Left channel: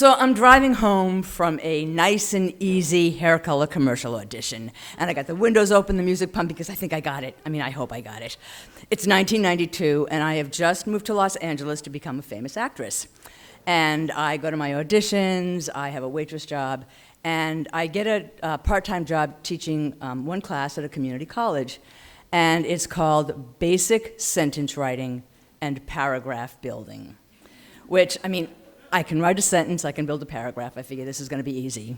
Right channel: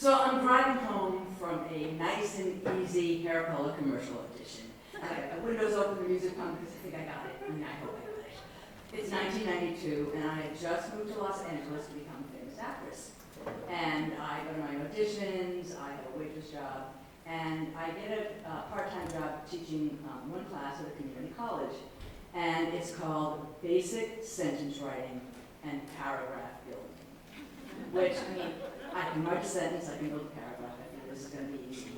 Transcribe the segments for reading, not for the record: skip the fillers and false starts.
So I'm driving home from a nice and easy hair color commercial audition, and I got the windows open, the music pumping, because I think I got it. I mean, I hope I got it. It's 1992, and I have just moved to Los Angeles to become a famous actress. And I go to my auditions, I have a waitress job, and I get a part-time job teaching one class at a community college, and it's called Basic Sentence Writing and Paragraph Building, which, I mean, I can write a sentence, I can build a paragraph. I figure this is going to be easy.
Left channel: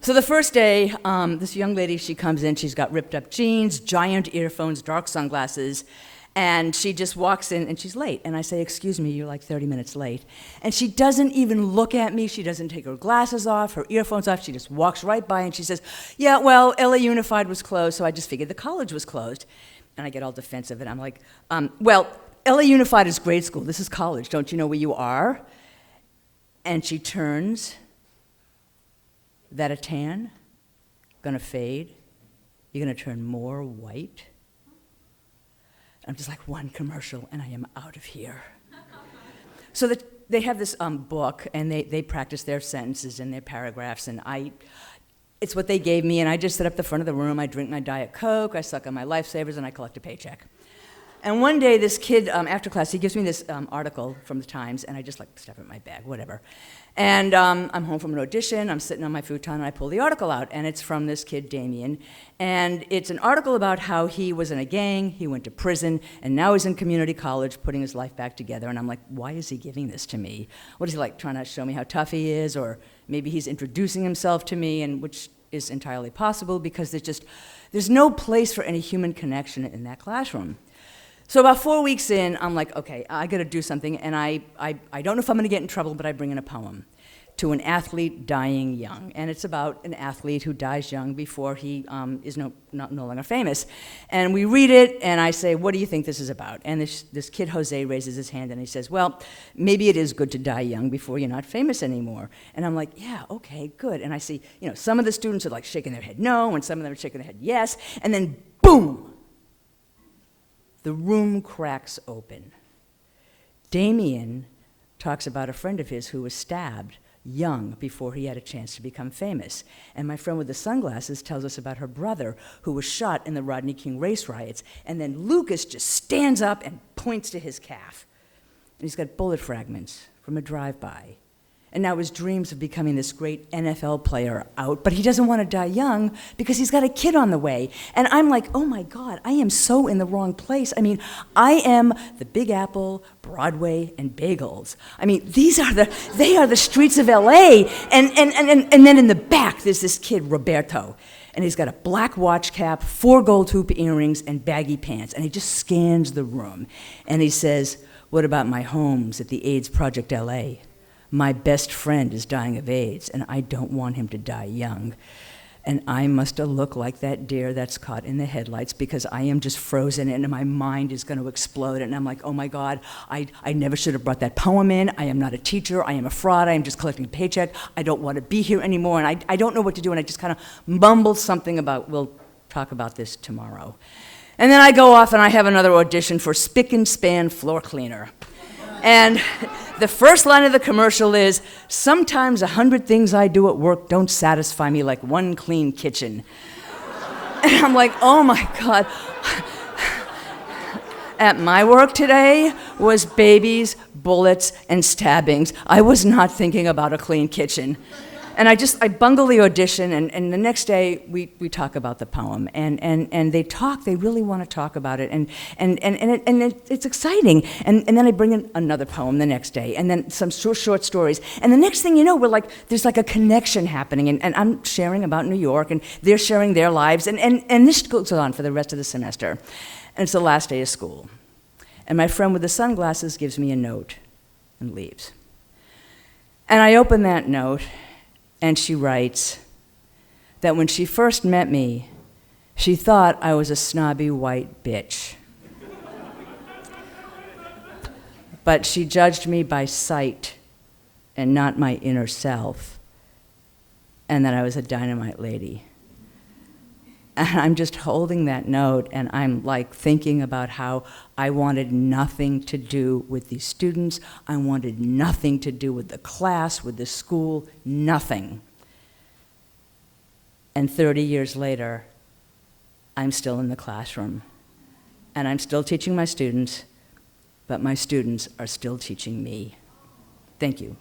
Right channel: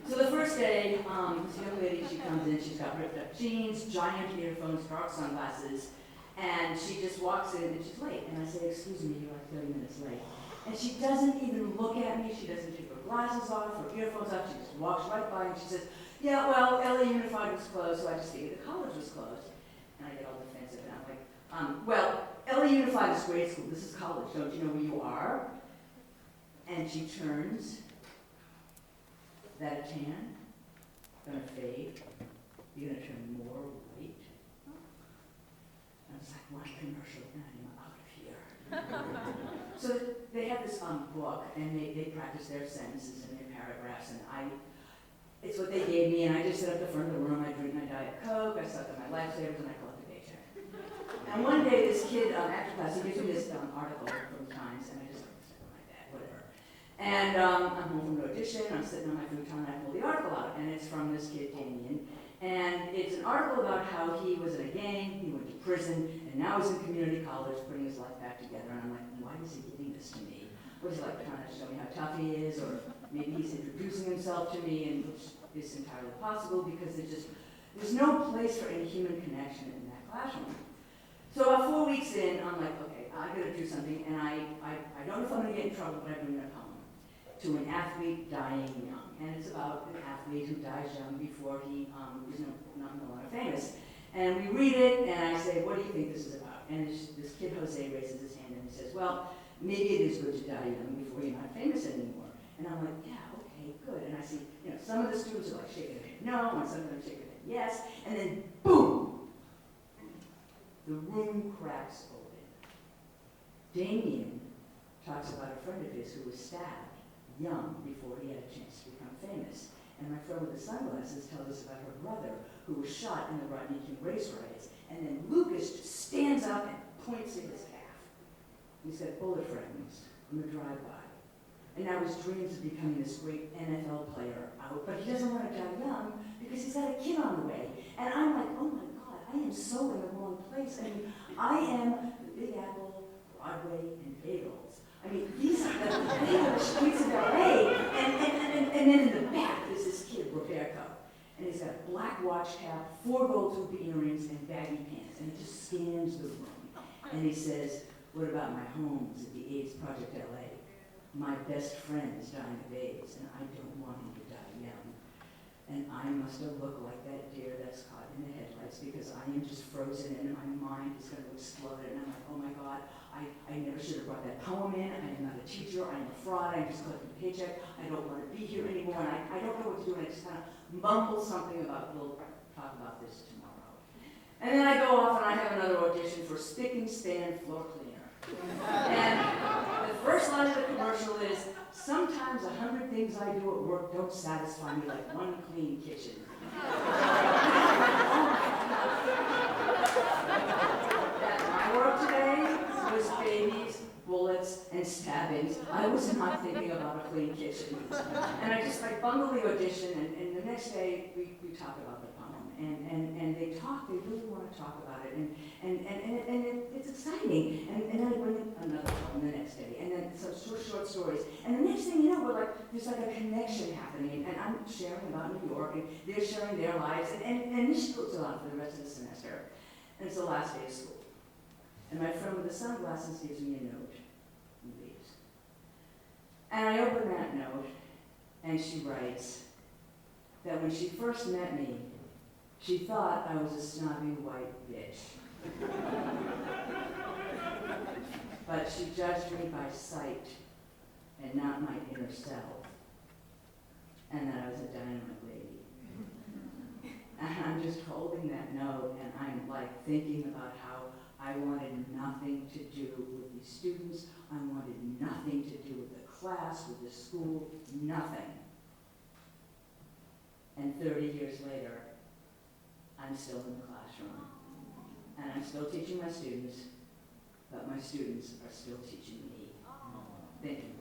So the first day, this young lady, she comes in, she's got ripped up jeans, giant earphones, dark sunglasses, and she just walks in and she's late. And I say, excuse me, you're like 30 minutes late. And she doesn't even look at me, she doesn't take her glasses off, her earphones off, she just walks right by and she says, yeah, well, LA Unified was closed, so I just figured the college was closed. And I get all defensive and I'm like, well, LA Unified is grade school, this is college, don't you know where you are? And she turns, that a tan, gonna fade, you're gonna turn more white. I'm just like, one commercial and I am out of here. So they have this book and they practice their sentences and their paragraphs, and it's what they gave me, and I just sit up the front of the room, I drink my Diet Coke, I suck on my Lifesavers, and I collect a paycheck. And one day, this kid, after class, he gives me this article from the Times, and I just like stuff it in my bag, whatever. And I'm home from an audition, I'm sitting on my futon, and I pull the article out, and it's from this kid, Damien. And it's an article about how he was in a gang, he went to prison, and now he's in community college putting his life back together. And I'm like, why is he giving this to me? What is he like, trying to show me how tough he is? Or maybe he's introducing himself to me, and which is entirely possible, because there's no place for any human connection in that classroom. So about 4 weeks in, I'm like, okay, I gotta do something, and I don't know if I'm gonna get in trouble, but I bring in a poem, To an Athlete Dying Young. And it's about an athlete who dies young before he is no longer famous. And we read it, and I say, what do you think this is about? And this kid, Jose, raises his hand, and he says, well, maybe it is good to die young before you're not famous anymore. And I'm like, yeah, okay, good. And I see, some of the students are like shaking their head no, and some of them are shaking their head yes, and then boom! The room cracks open. Damien talks about a friend of his who was stabbed young before he had a chance to become famous. And my friend with the sunglasses tells us about her brother who was shot in the Rodney King race riots. And then Lucas just stands up and points to his calf. And he's got bullet fragments from a drive-by. And now his dreams of becoming this great NFL player are out, but he doesn't want to die young because he's got a kid on the way. And I'm like, oh my God, I am so in the wrong place. I mean, I am the Big Apple, Broadway, and bagels. I mean, they are the streets of LA. And then in the back, there's this kid, Roberto. And he's got a black watch cap, 4 gold hoop earrings, and baggy pants. And he just scans the room. And he says, what about my homes at the AIDS Project LA? My best friend is dying of AIDS, and I don't want him to die young. And I must have looked like that deer that's caught in the headlights, because I am just frozen and my mind is going to explode. And I'm like, oh my God, I never should have brought that poem in. I am not a teacher. I am a fraud. I am just collecting a paycheck. I don't want to be here anymore. And I don't know what to do. And I just kind of mumbled something about, we'll talk about this tomorrow. And then I go off and I have another audition for Spick and Span floor cleaner. And the first line of the commercial is, sometimes 100 things I do at work don't satisfy me like one clean kitchen. And I'm like, oh my God. At my work today was babies, bullets, and stabbings. I was not thinking about a clean kitchen. And I bungle the audition, and the next day we talk about the poem, and they really want to talk about it, and it's exciting. And then I bring in another poem the next day, and then some short stories. And the next thing you know, there's like a connection happening, and I'm sharing about New York, and they're sharing their lives, and this goes on for the rest of the semester. And it's the last day of school. And my friend with the sunglasses gives me a note and leaves. And I open that note, and she writes that when she first met me, she thought I was a snobby white bitch. But she judged me by sight and not my inner self, and that I was a dynamite lady. And I'm just holding that note, and I'm like thinking about how I wanted nothing to do with these students. I wanted nothing to do with the class, with the school, nothing. And 30 years later, I'm still in the classroom. And I'm still teaching my students, but my students are still teaching me. Thank you.